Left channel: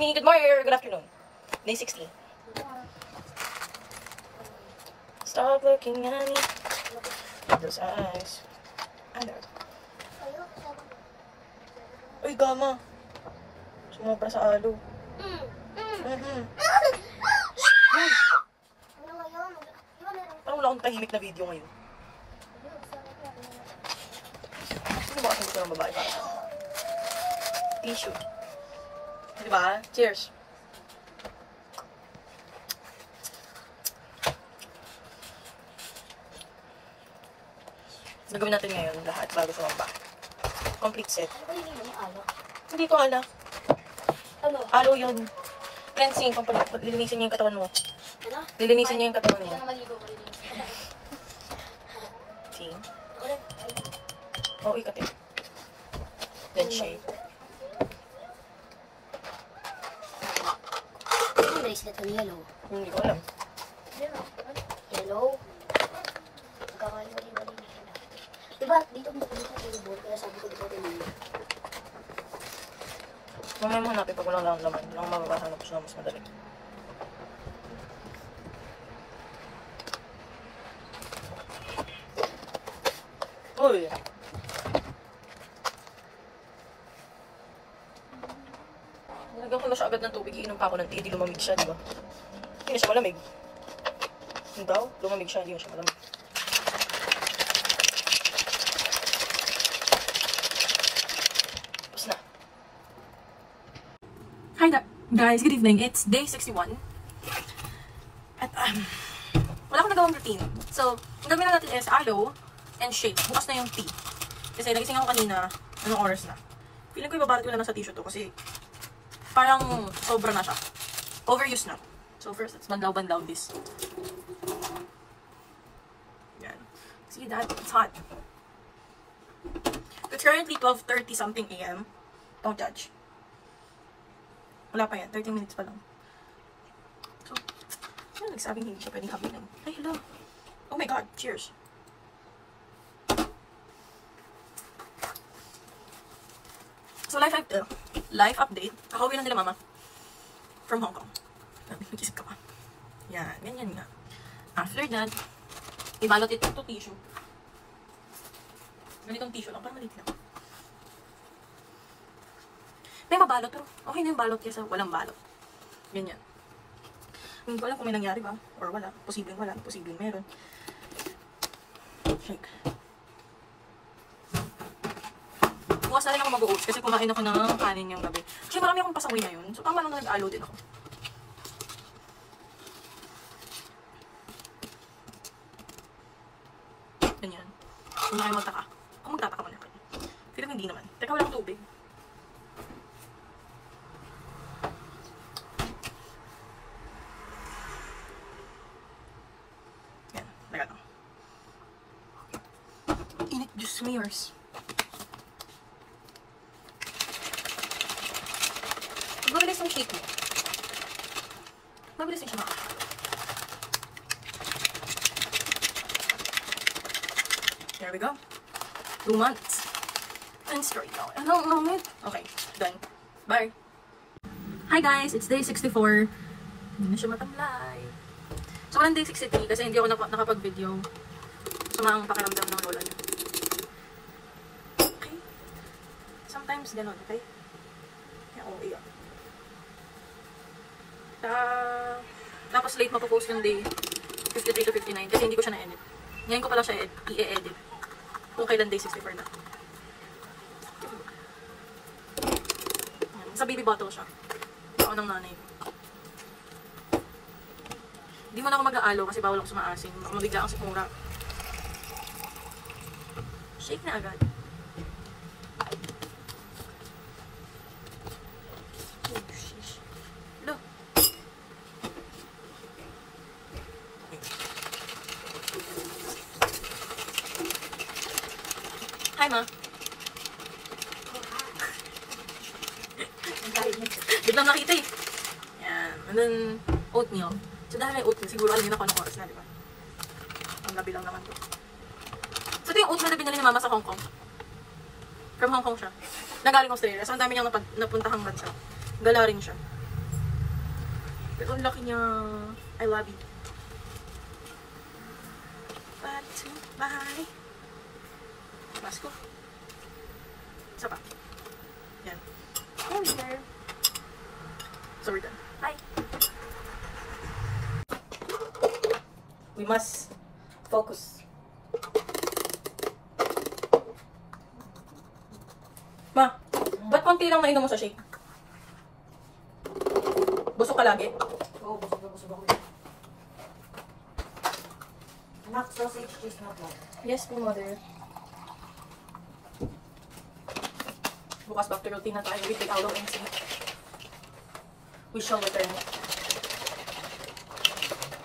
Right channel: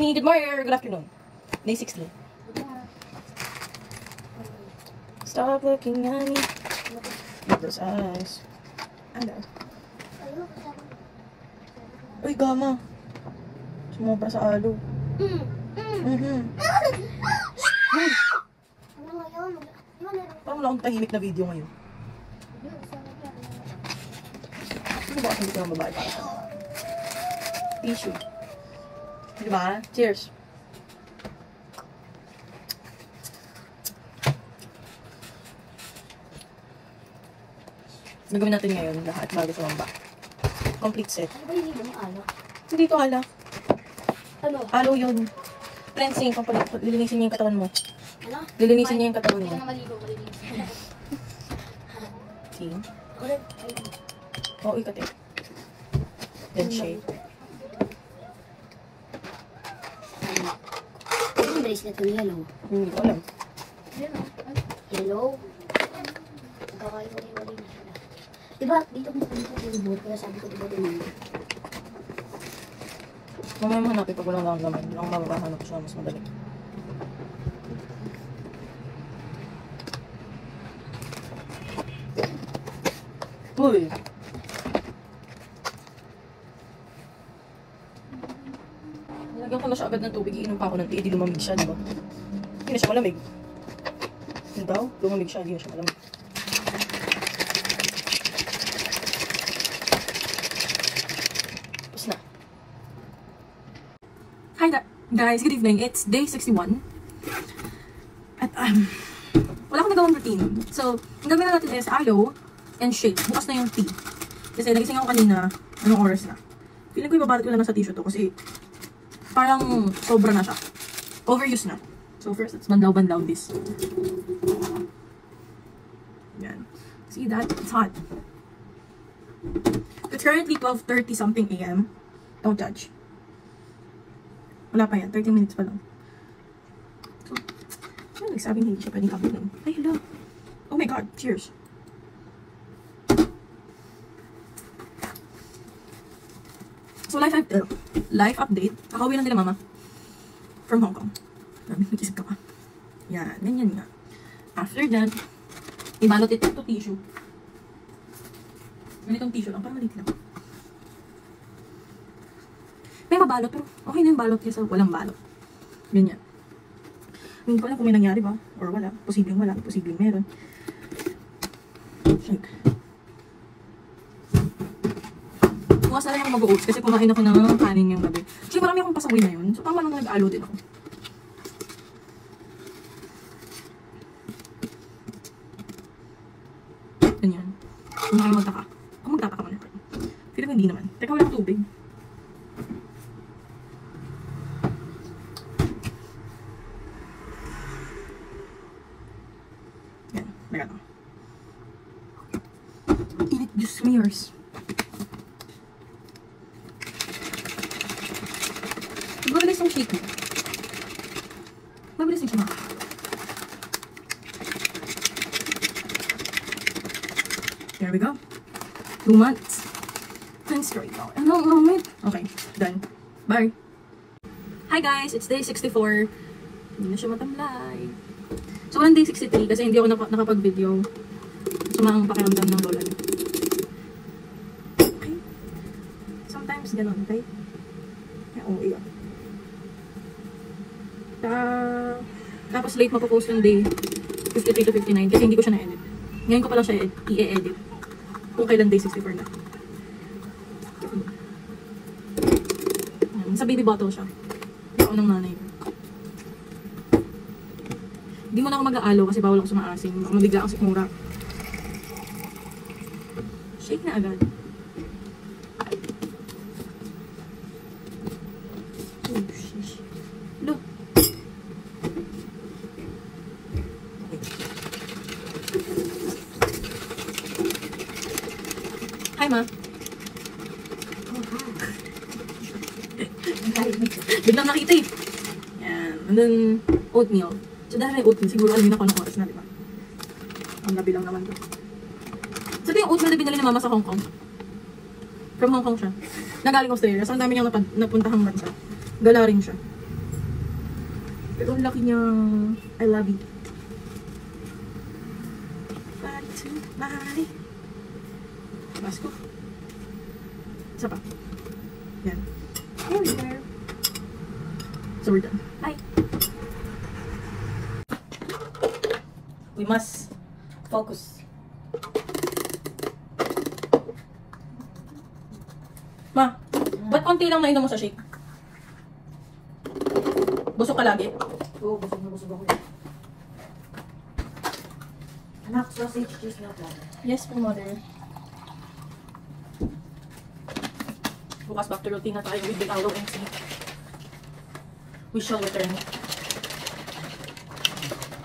evening, good morning, or good afternoon. Day 16. Stop looking at me with those eyes. Ano? Uy, gama. Sumobra sa alo. Parang wala akong tahimik na video ngayon. Ano ba hindi ko ng babae para sa mga? Tissue. Diba? Cheers. Gagawin natin ngayon lahat bago sa lamba. Complete set. Hindi ko alam. Ano? Alo yun. Cleansing. Lilinisin niya yung katawan mo. Ano? Lilinisin niya yung katawan mo. See? Oo, ikot eh. Then shake. Ang bracelet ng yellow. Hindi ko alam. Yellow? Magkakalit ko tayo mali. Diba, dito mo tayo buhok. Kaya sabi ko diba din. Mamaya mo hanapin pag walang lang naman. Ang mababahana ko siya mas madali. Uy! Nalagyan ko na siya agad ng tubig. Iinom pa ako ng tea. Di lumamig siya, diba? Hindi na siya malamig. Yung daw, lumamig siya. Hindi na siya malamig. Tapos na. Hi guys, good evening. It's day 61. At wala akong nagawang routine. So, ang gawin na natin is aloe and shake. Bukas na yung tea. Kasi nagising ako kanina, anong oras na. Feeling ko ibabarat ko na sa tissue to kasi parang sobra na siya. Overuse na. So first, let's bandaw-bandaw this. Yan. See that? It's hot. It's currently 12:30 something AM. Don't judge. Wala pa yan. 30 minutes pa lang. So, ano nagsabing hindi siya pwedeng kapitin? Ay, hello. Oh my God. Cheers. So, life update. Kakauwi lang nila mama. From Hong Kong. Mag-isip ka pa. Yan. Ganyan nga. After that, ibalot ito tissue. Ganitong tissue lang. Parang malito. May mabalot. Okay na yung balot kasi walang balot. Ganyan. Hindi ko alam kung may nangyari ba or wala. Posibleng wala. Posibleng meron. Shake. Bukas na rin ako mag-oats kasi kumain ako ng kanin yung gabi. Kasi marami akong pasaway na yun. So parang marunong nag-alo din ako. Ganyan. Hindi kayo magtaka. Kung magtataka man ako. Pero hindi naman. Teka, walang tubig. Yan. Teka lang. Init juice smears. Mabilis yung sheet mo. Mabilis yung sheet mo. There we go. 2 months. And straight out. And I'm moment. Okay, done. Bye. Hi guys, it's day 64. Hindi na siya matamlay. So, walang day 63 kasi hindi ako nakapag-video. Sumama ang pakiramdam ng lola. Okay. Sometimes gano'n, okay? Oo, yeah. Tapos late mapopost ng day 53 to 59 kasi hindi ko siya na-edit. Ngayon ko pala siya i-edit. Kung kailan day 64 na. Sa baby bottle siya. Ako ng nanay ko. Hindi mo na ako mag-aalo kasi bawal ako sumaasim. Baka mabigla ako sa kumura. Shake na agad. Oh, shish. Look. Hi, Ma. Biglang nakita eh. Yan. And then, oatmeal. So, dahil may oatmeal, siguro alam niyo na kung anong oras na, diba? Ang gabi lang naman. So, ito yung oatmeal na binili ni Mama sa Hong Kong. From Hong Kong siya. Nagaling Australia. So, ang dami niyang napuntahang bansa. Gala rin siya. Pero ang laki niya. I love it. Bye. Pasko. Isa pa. Yan. So we're done. Bye. We must focus. Ma, ba't konti lang nainom mo sa shake? Busog ka lagi? Oo, busog ako. Anak, sausage cheese na po. Yes po, mother. Bukas back to routine na tayo with the araw next week. We shall return.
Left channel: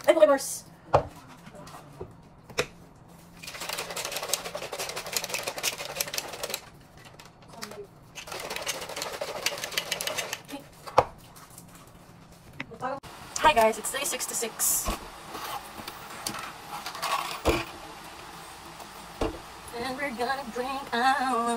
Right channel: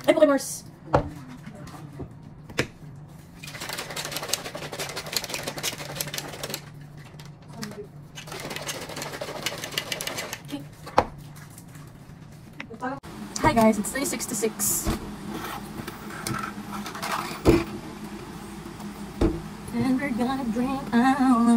Ay, Pokemars! Hi guys, it's day 66. And we're gonna bring out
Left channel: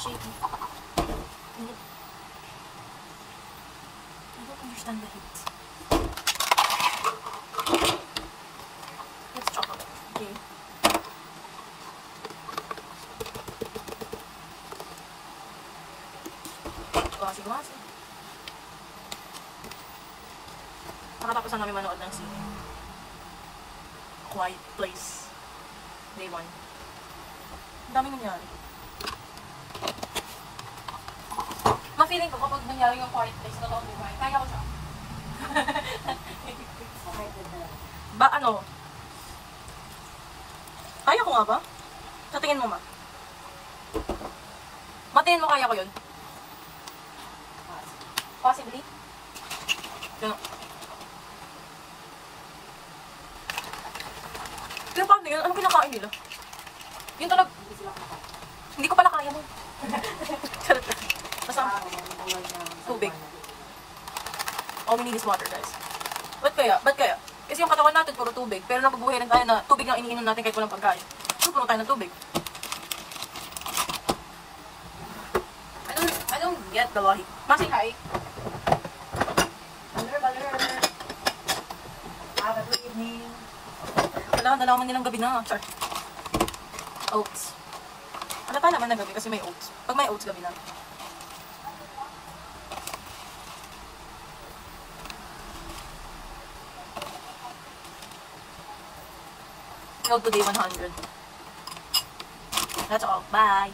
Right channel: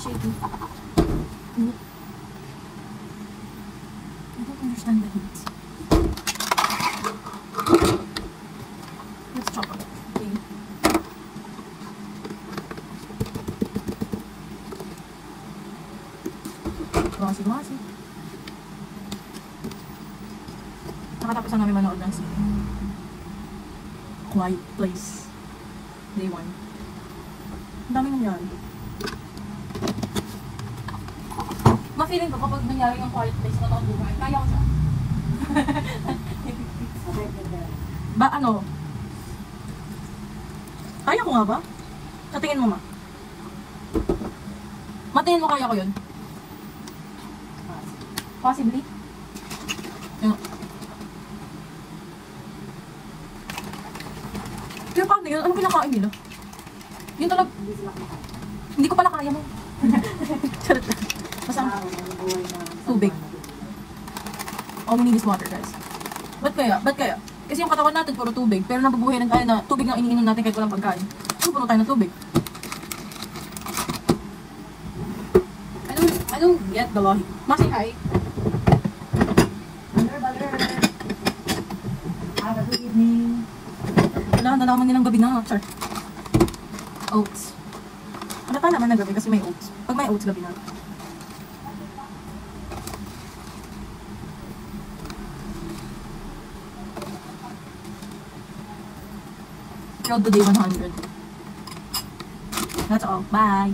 shaky. I don't understand the heat. Let's chop up. Okay. Wasi. Nakatapos na namin manood ng sine. Quiet Place. Day 1. Ang daming nangyari. Na-feeling ko kapag nangyari yung Quiet Place na toong buhay, kaya ko siya. Ba, ano? Kaya ko nga ba? Sa tingin mo, ma? Matingin mo kaya ko yun? Possibly? Yun. Kaya paano yun? Anong kinakain nila? Yun talaga. Hindi ko pala kaya mo. Charot na. Basta tubig. All we need is water, guys. Ba't kaya? Kasi yung katawan natin puro tubig. Pero nabubuhay rin tayo na tubig na iniinom natin kahit walang pagkain. Ano puro tayo na tubig? I don't get the logic. Masi, hi. Baler. Good evening. Dalaman nilang gabi na. Char. Oats. Nakakala man na gabi kasi may oats. Pag may oats, gabi na. Road to day 100. That's all. Bye!